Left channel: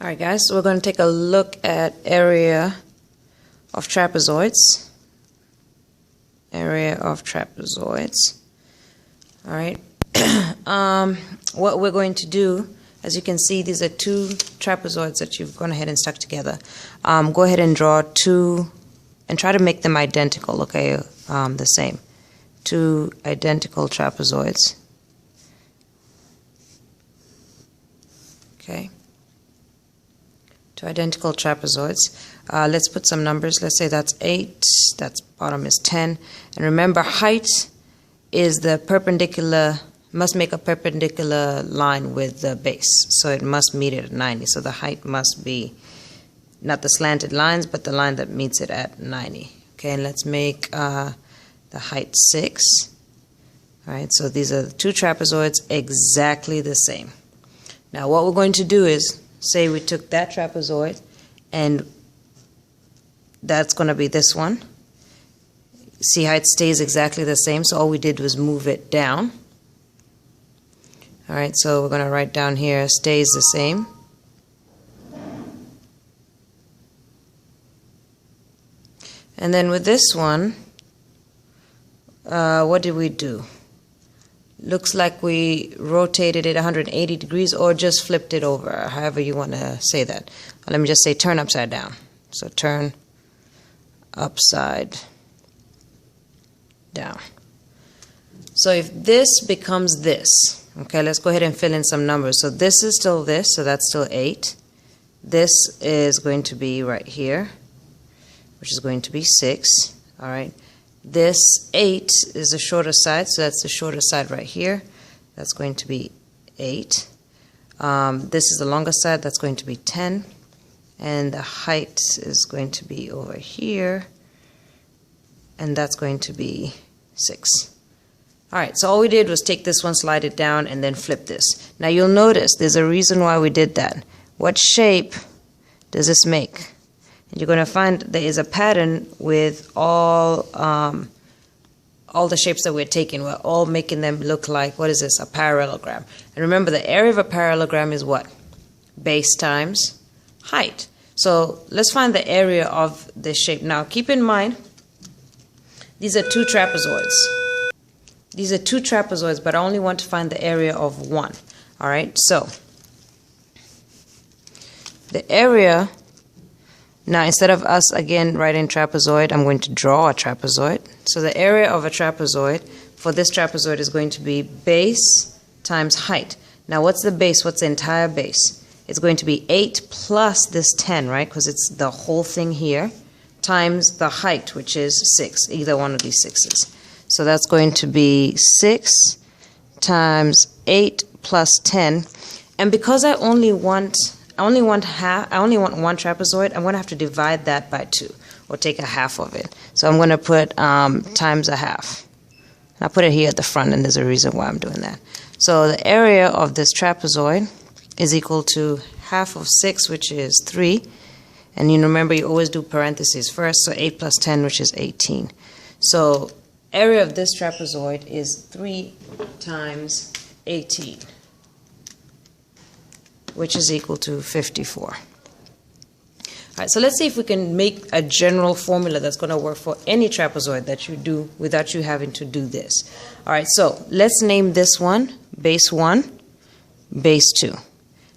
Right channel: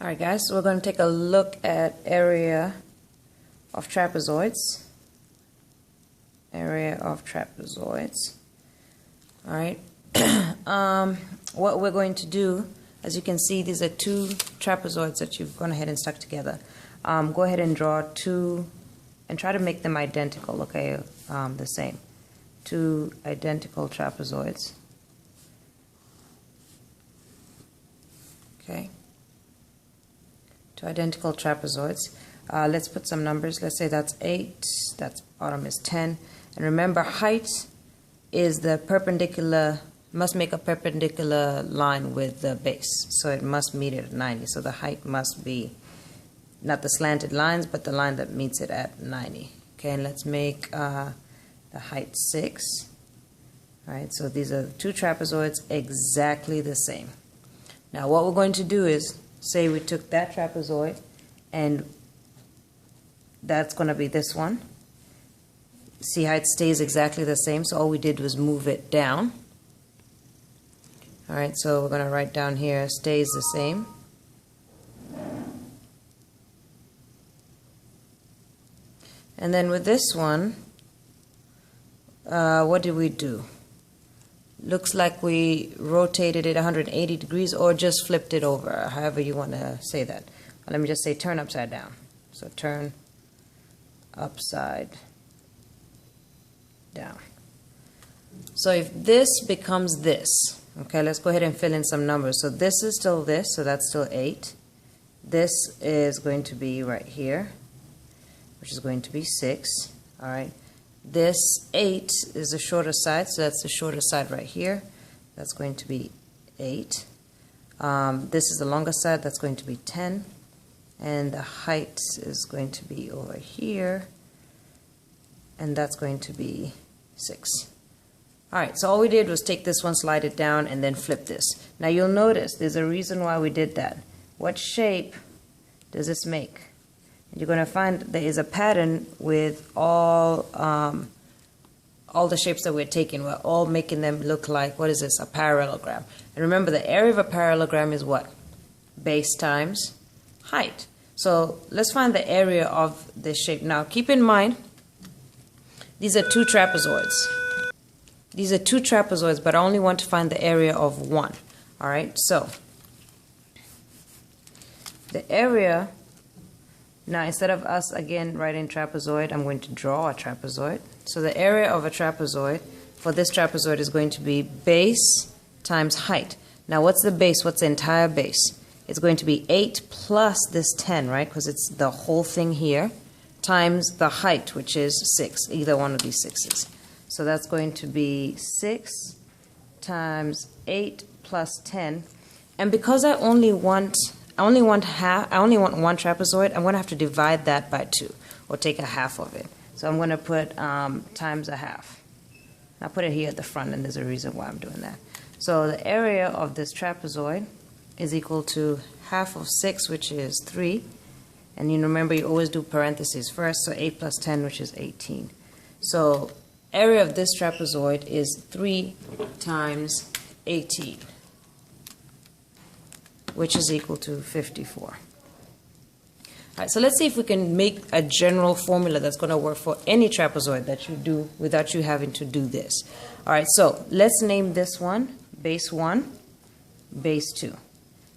Alright guys, so we're going to take a look at area of trapezoids. Area of trapezoids. Alright. What we're going to do, as you can see, these are two trapezoids that you've gone ahead and stuck together. Go ahead and draw two and try to make them identical, okay? The same. Two identical trapezoids. Okay. Two identical trapezoids. Let's put some numbers. Let's say that's 8, that's bottom is 10. And remember, height is the perpendicular, must make a perpendicular line with the base. So it must meet it at 90. So the height must be not the slanted lines, but the line that meets it at 90. Okay, and let's make the height 6. All right, so these are the two trapezoids exactly the same. Now what we're going to do is, say we took that trapezoid and that's going to be this one. See how it stays exactly the same, so all we did was move it down. Alright, so we're going to write down here stays the same. And then with this one, what did we do? Looks like we rotated it 180 degrees or just flipped it over, however you want to say that. Let me just say turn upside down. So turn upside down. So if this becomes this, okay, let's go ahead and fill in some numbers. So this is still this, so that's still 8. This is going to be right here, which is going to be 6. All right. This 8 is the shorter side, so that's the shorter side right here. That's going to be 8. This is the longer side, that's going to be 10. And the height is going to be over here, and that's going to be 6. Alright, so all we did was take this one, slide it down, and then flip this. Now you'll notice there's a reason why we did that. What shape does this make? And you're going to find there is a pattern with all the shapes that we're taking. We're all making them look like, what is this, a parallelogram. And remember, the area of a parallelogram is what? Base times height. So let's find the area of this shape. Now keep in mind, these are two trapezoids. These are two trapezoids, but I only want to find the area of one. All right, so the area. Now, instead of us, again, writing trapezoid, I'm going to draw a trapezoid. So the area of a trapezoid for this trapezoid is going to be base times height. Now, what's the base? What's the entire base? It's going to be 8 plus this 10, right? Because it's the whole thing here, times the height, which is 6, either one of these 6s. So that's going to be 6 times 8 plus 10. And because I only want one trapezoid, I'm going to have to divide that by 2, or take a half of it. So I'm going to put times a half. I'll put it here at the front, and there's a reason why I'm doing that. So the area of this trapezoid is equal to half of 6, which is 3. And you remember, you always do parentheses first, so 8 plus 10, which is 18. So area of this trapezoid is 3 times 18. Which is equal to 54. All right, so let's see if we can make a general formula that's going to work for any trapezoid that you do without you having to do this. All right, so let's name this one base 1, base 2.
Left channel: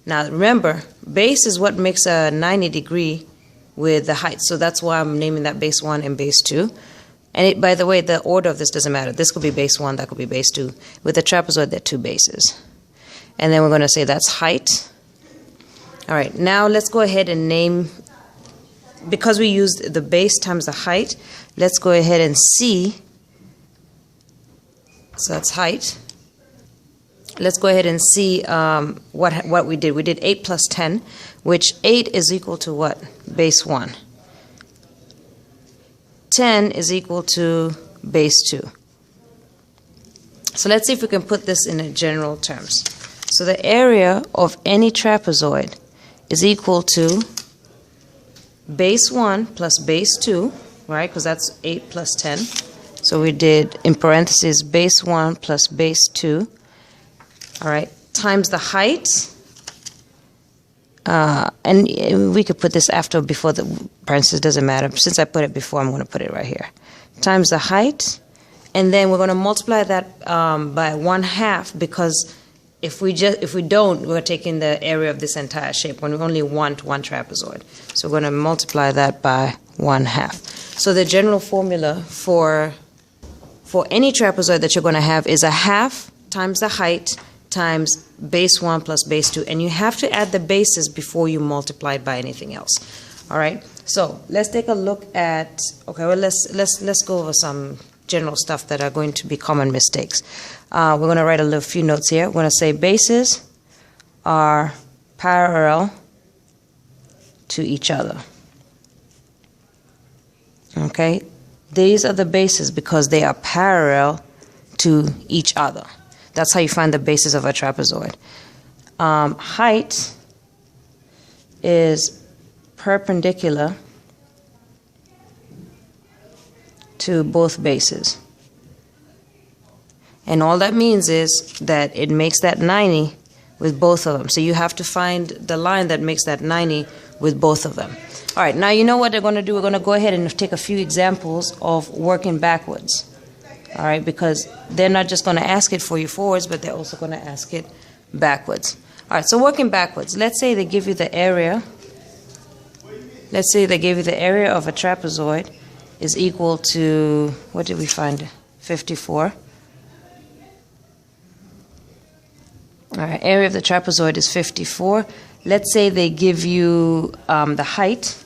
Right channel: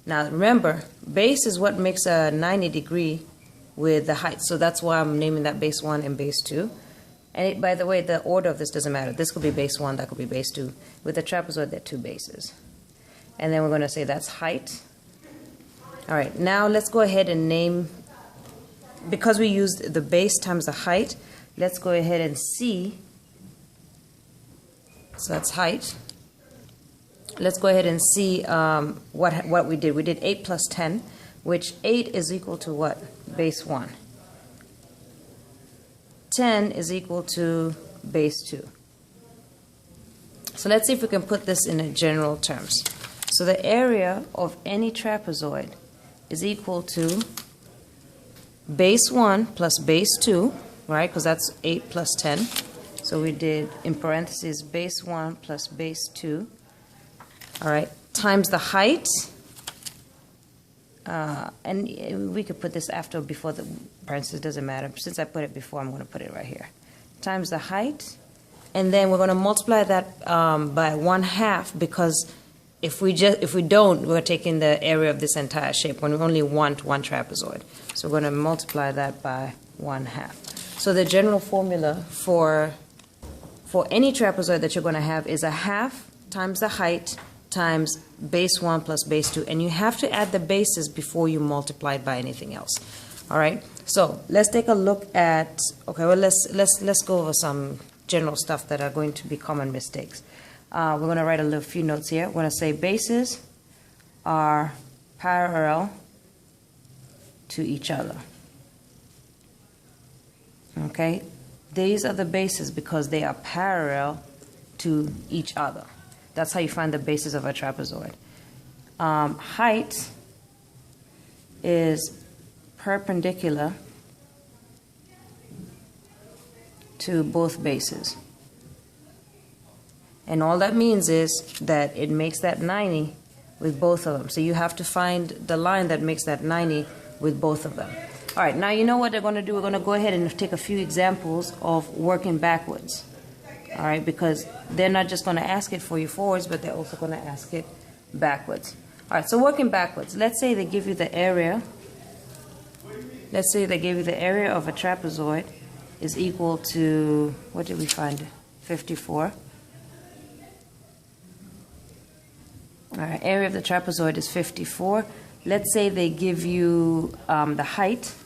Now remember, base is what makes a 90 degree with the height, so that's why I'm naming that base 1 and base 2. And by the way, the order of this doesn't matter. This could be base 1, that could be base 2. With the trapezoid, there are 2 bases. And then we're going to say that's height. All right, now let's go ahead and name, because we used the base times the height, let's go ahead and see. So that's height. Let's go ahead and see what we did. We did 8 plus 10, which 8 is equal to what? Base 1. 10 is equal to base 2. So let's see if we can put this in general terms. So the area of any trapezoid is equal to base 1 plus base 2, right? Because that's 8 plus 10. So we did, in parentheses, base 1 plus base 2, all right, times the height and we could put this after or before the parentheses, doesn't matter. Since I put it before, I'm going to put it right here. Times the height, and then we're going to multiply that by 1/2, because if we don't, we're taking the area of this entire shape when we only want one trapezoid. So we're going to multiply that by 1/2. So the general formula for any trapezoid that you're going to have is 1/2 times the height times base 1 plus base 2, and you have to add the bases before you multiply it by anything else. All right, so let's take a look at, okay, well, let's go over some general stuff that are going to be common mistakes. We're going to write a few notes here. We're going to say bases are parallel to each other. Okay, these are the bases because they are parallel to each other. That's how you find the basis of a trapezoid. Height is perpendicular to both bases. And all that means is that it makes that 90 with both of them. So you have to find the line that makes that 90 with both of them. All right, now you know what they're going to do. We're going to go ahead and take a few examples of working backwards. All right, because they're not just going to ask it for you forwards, but they're also going to ask it backwards. All right, so working backwards. Let's say they give you the area. Let's say they give you the area of a trapezoid is equal to, what did we find? 54. All right, area of the trapezoid is 54. Let's say they give you the height.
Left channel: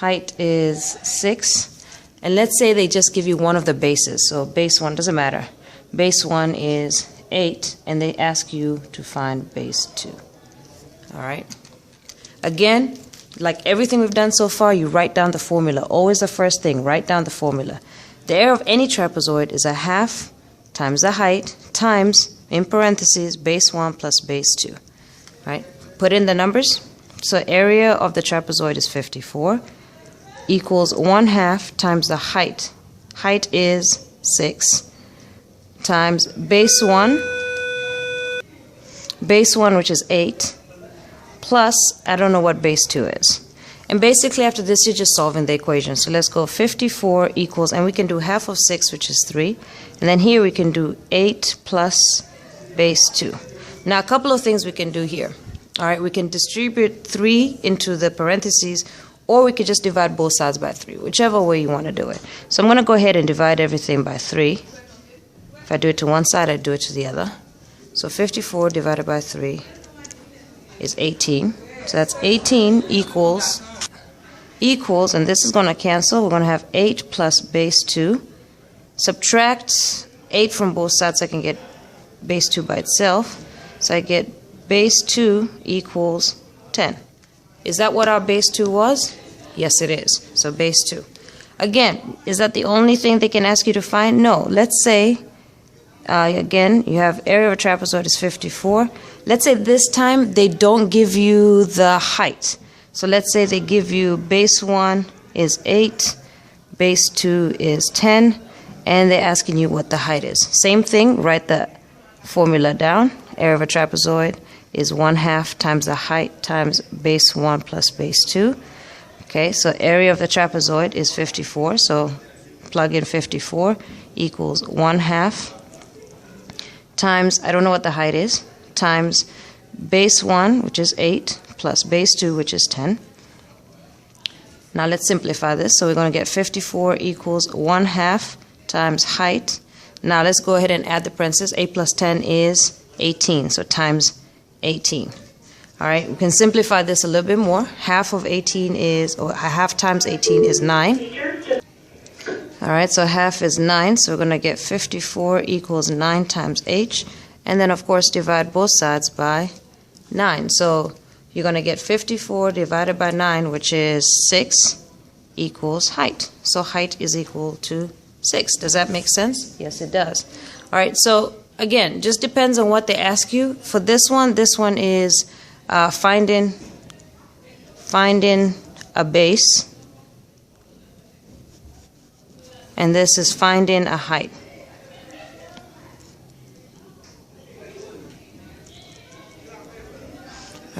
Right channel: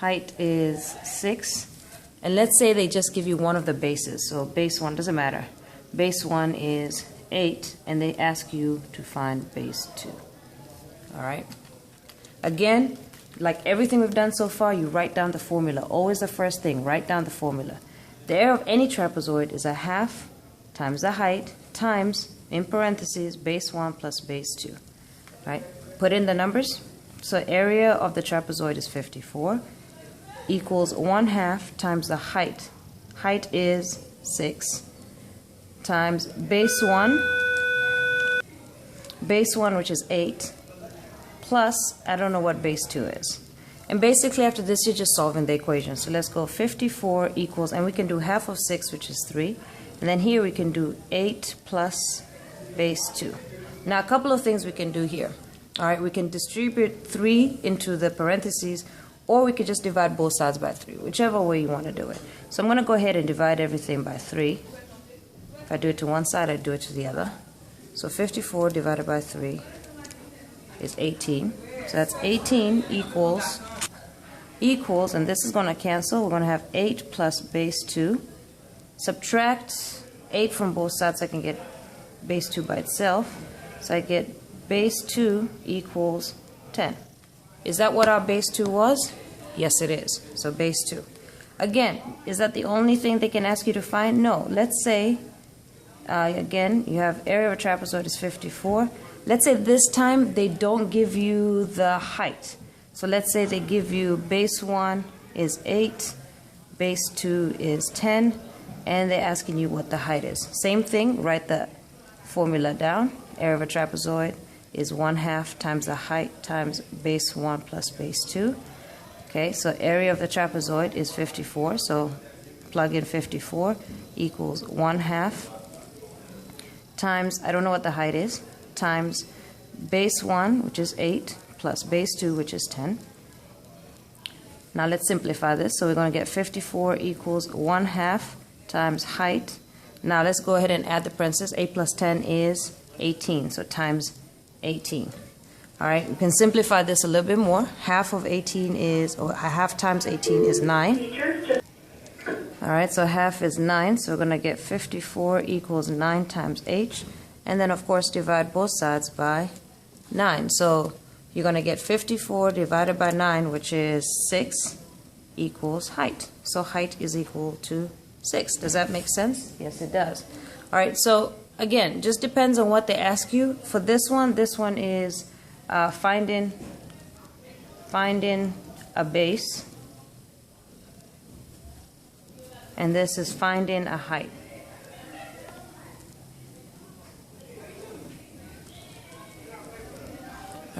Height is 6. And let's say they just give you one of the bases. So base 1 doesn't matter. Base 1 is 8, and they ask you to find base 2. All right. Again, like everything we've done so far, you write down the formula. Always the first thing, write down the formula. The area of any trapezoid is 1/2 times the height times, in parentheses, base 1 plus base 2. Right? Put in the numbers. So area of the trapezoid is 54. Equals 1/2 times the height. Height is 6 times base 1, which is 8, plus, I don't know what base 2 is. And basically after this, you're just solving the equation. So let's go 54 equals, and we can do 1/2 of 6, which is 3. And then here we can do 8 plus base 2. Now a couple of things we can do here. All right, we can distribute 3 into the parentheses, or we could just divide both sides by 3, whichever way you want to do it. So I'm going to go ahead and divide everything by 3. If I do it to one side, I do it to the other. So 54 divided by 3 is 18. So that's 18 equals, and this is going to cancel. We're going to have 8 plus base 2. Subtract 8 from both sides so I can get base 2 by itself. So I get base 2 equals 10. Is that what our base 2 was? Yes, it is. So base 2. Again, is that the only thing they can ask you to find? No. Let's say, again, you have area of a trapezoid is 54. Let's say this time they don't give you the height. So let's say they give you base 1 is 8, base 2 is 10, and they're asking you what the height is. Same thing, write the formula down. Area of a trapezoid is 1/2 times the height times base 1 plus base 2. Okay, so area of the trapezoid is 54, so plug in 54 equals 1/2 times, I don't know what the height is, times base 1, which is 8, plus base 2, which is 10. Now let's simplify this. So we're going to get 54 equals 1/2 times height. Now let's go ahead and add the parentheses. 8 plus 10 is 18, so times 18. All right, we can simplify this a little bit more. 1/2 of 18 is, or 1/2 times 18 is 9. All right, so 1/2 is 9, so we're going to get 54 equals 9 times h. And then, of course, divide both sides by 9. So you're going to get 54 divided by 9, which is 6, equals height. So height is equal to 6. Does that make sense? Yes, it does. All right, so again, just depends on what they ask you. For this one is finding a base, and this is finding a height.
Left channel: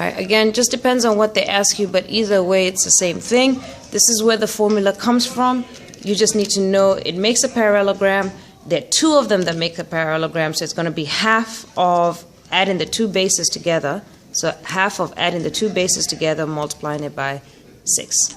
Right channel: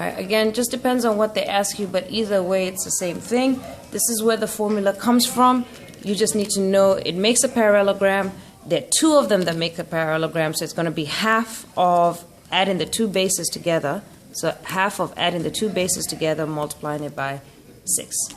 All right, again, just depends on what they ask you, but either way, it's the same thing. This is where the formula comes from. You just need to know it makes a parallelogram. There are two of them that make a parallelogram, so it's going to be half of adding the two bases together. So half of adding the two bases together, multiplying it by 6.